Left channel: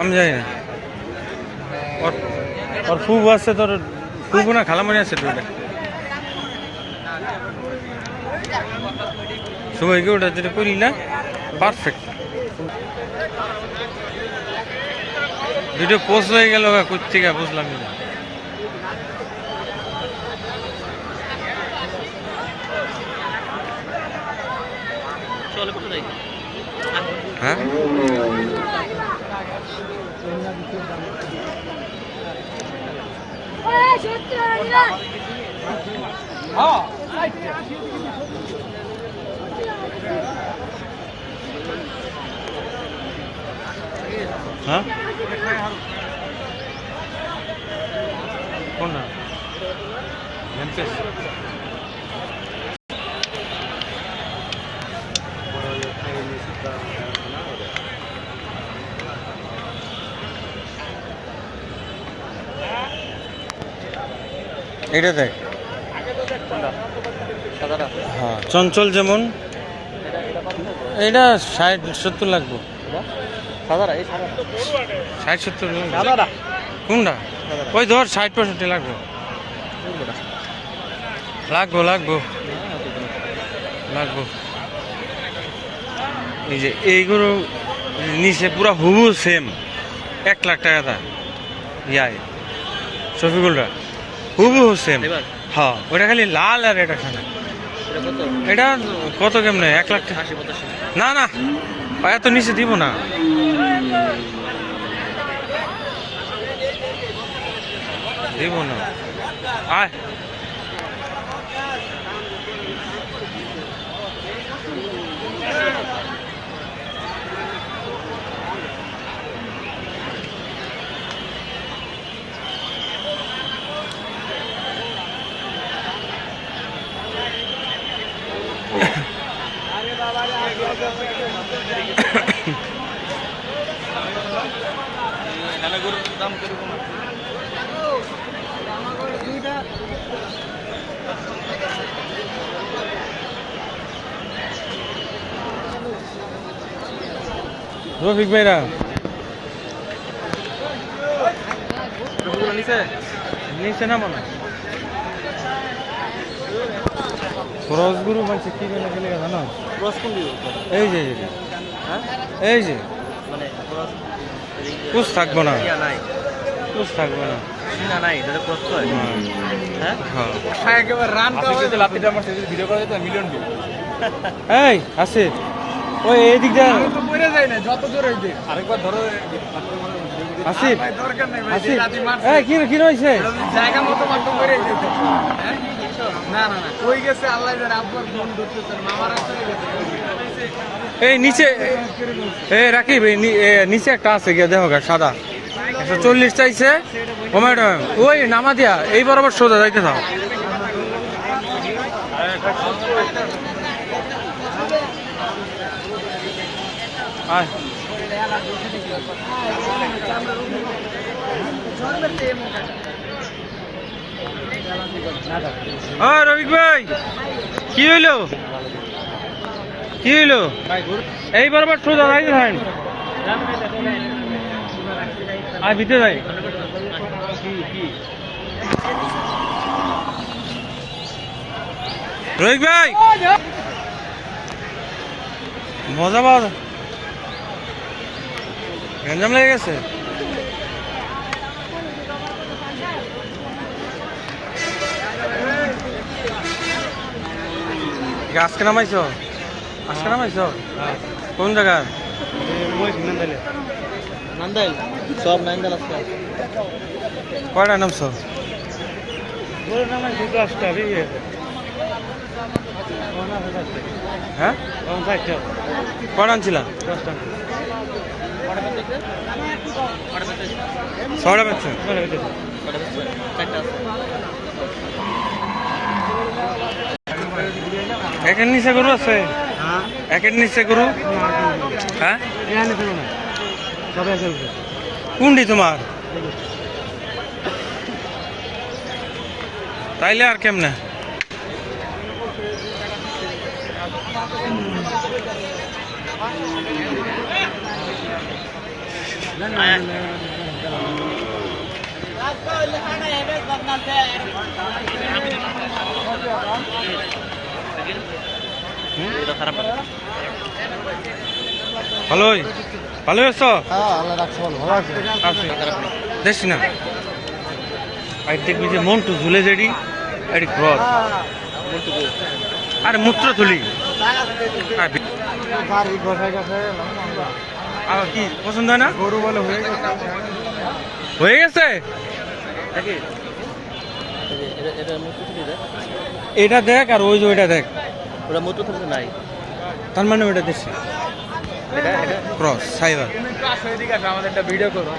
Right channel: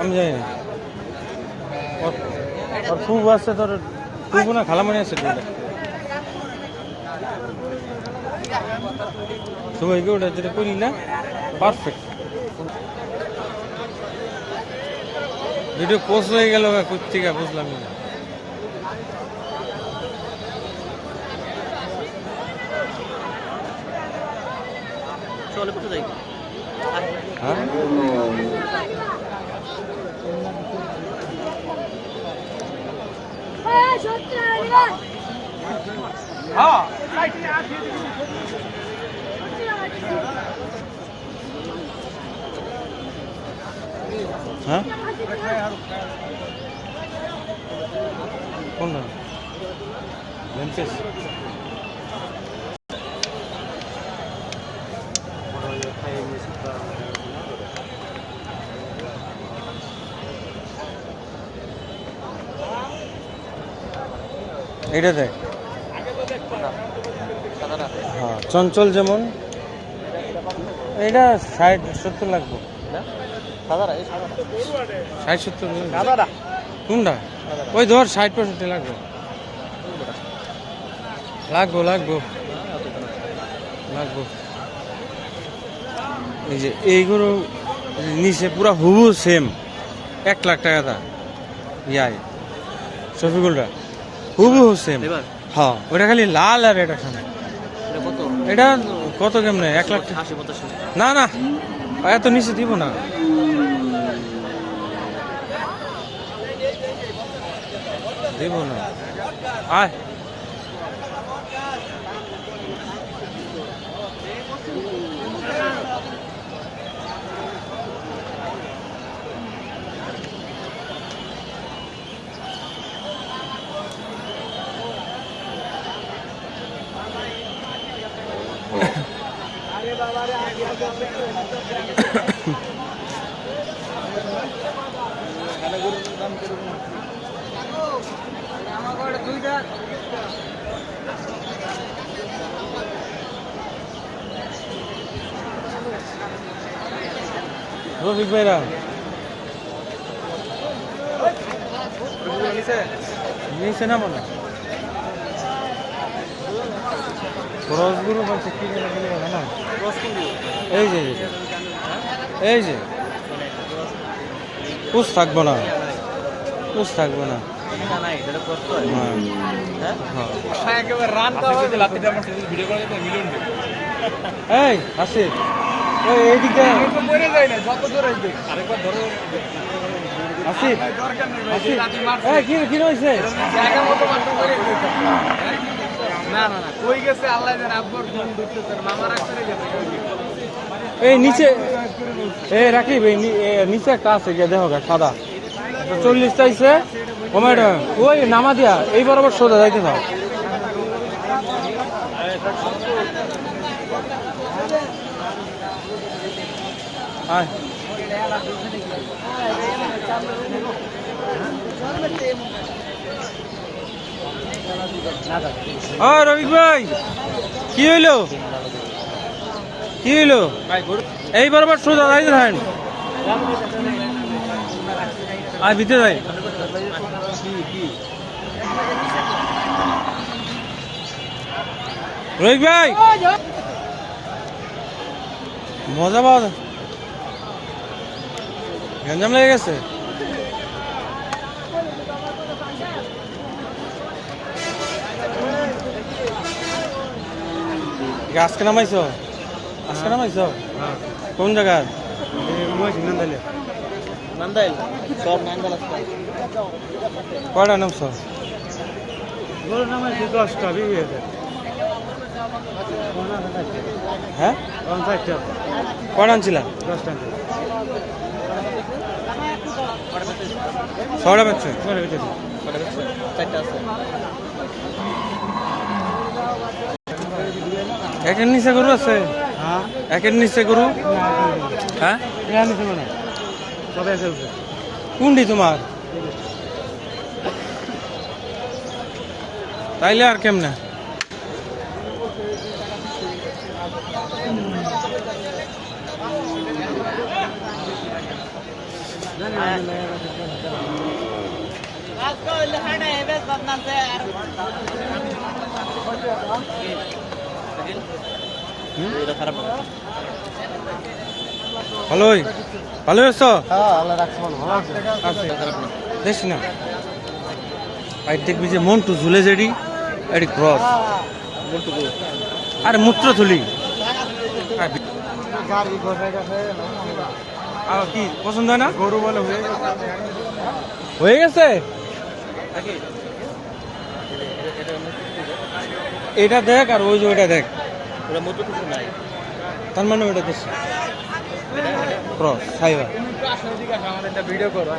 আমি জানি না। ওর ওর আছে তোর খুব না খালামানি আছে তো ওটা সবাইকে ওটা যেটা করি না পারফেক্ট ভিডিও পোস্ট হয়ে গেল কোথেকে বুঝলামই না। হ্যাঁ হ্যাঁ কোনটা লেন্সেস এটা দেখ। হ্যাঁ। চঞ্চল যেমন। এটা ষাট সত্তর লাগবো। ষাট সত্তর কোনটা? ওই ধর ষাট পঁয়ষট্টি লাগবো। লাগবো লাগবো। লাগবো। এই যে এইগুলো নিচে পুরো হুবু সেম এক লাখ টাকা দা। ইয়াই। শফিকুলরা হুবু সেম হ্যাঁ ওটা খালি লাল আর এটা খানা এটা কত? কেমনে? এক লাখ টাকা। না না এত নিচে দিব না। দিব না। আয়। রফিক ভাইরা। নিচে না। মনে রসগুরু বলছে কি জানো এই যে এই যে এই থাকব না। কুছ থাকব না। হ্যাঁ। এই আসে। ওই এইদিক দিয়ে। আসিফ আসিফ এই কি কি রয়েছে? এই এই এই নি- এ, নিচে একটা আছে গিয়ে দেখো সাদা। একশো চল্লিশ চাইছে ওই নামা দিয়া এই বরাবর সোজা যাইতে দাও। আয়। রবিক ভাই, কি হইল? কি হইল? এই বরাবর সোজা যাইতে থাকেন। আর দিতে যাই। রোহিত ভাই, মজা পাওয়া যায়। গ্যাঞ্জাম লেগে গেছে। আজকে নামাইছো? আজকে নামাইছো? কোন আসতে কয়টা নামছো? হ্যাঁ? কয়টা আনছিলাম ছয়টা পাচ্ছে একের নিচে গরু আছে একের নিচে গরু হ্যাঁ কোনটি তোমার তাইলে আর কেমনে আজকে ভালোই। ভালো আছো? দেখছি না? আর দেখবি যে মন্টু ঝুলে যেটি এটি ক্রস আরে মূত্র থুলি আর কি পছন্দ হয় না? গরু বলে হয়ে গেছে। হয়ে গেছে? এটা দেখ। আর ওই যে ওইটা দেখ। ওটা মতো কিন্তু নাই। তার মানে ওইটা দেখছি। ক্রস সাইবার আমাদের একটা ভিডিও করো।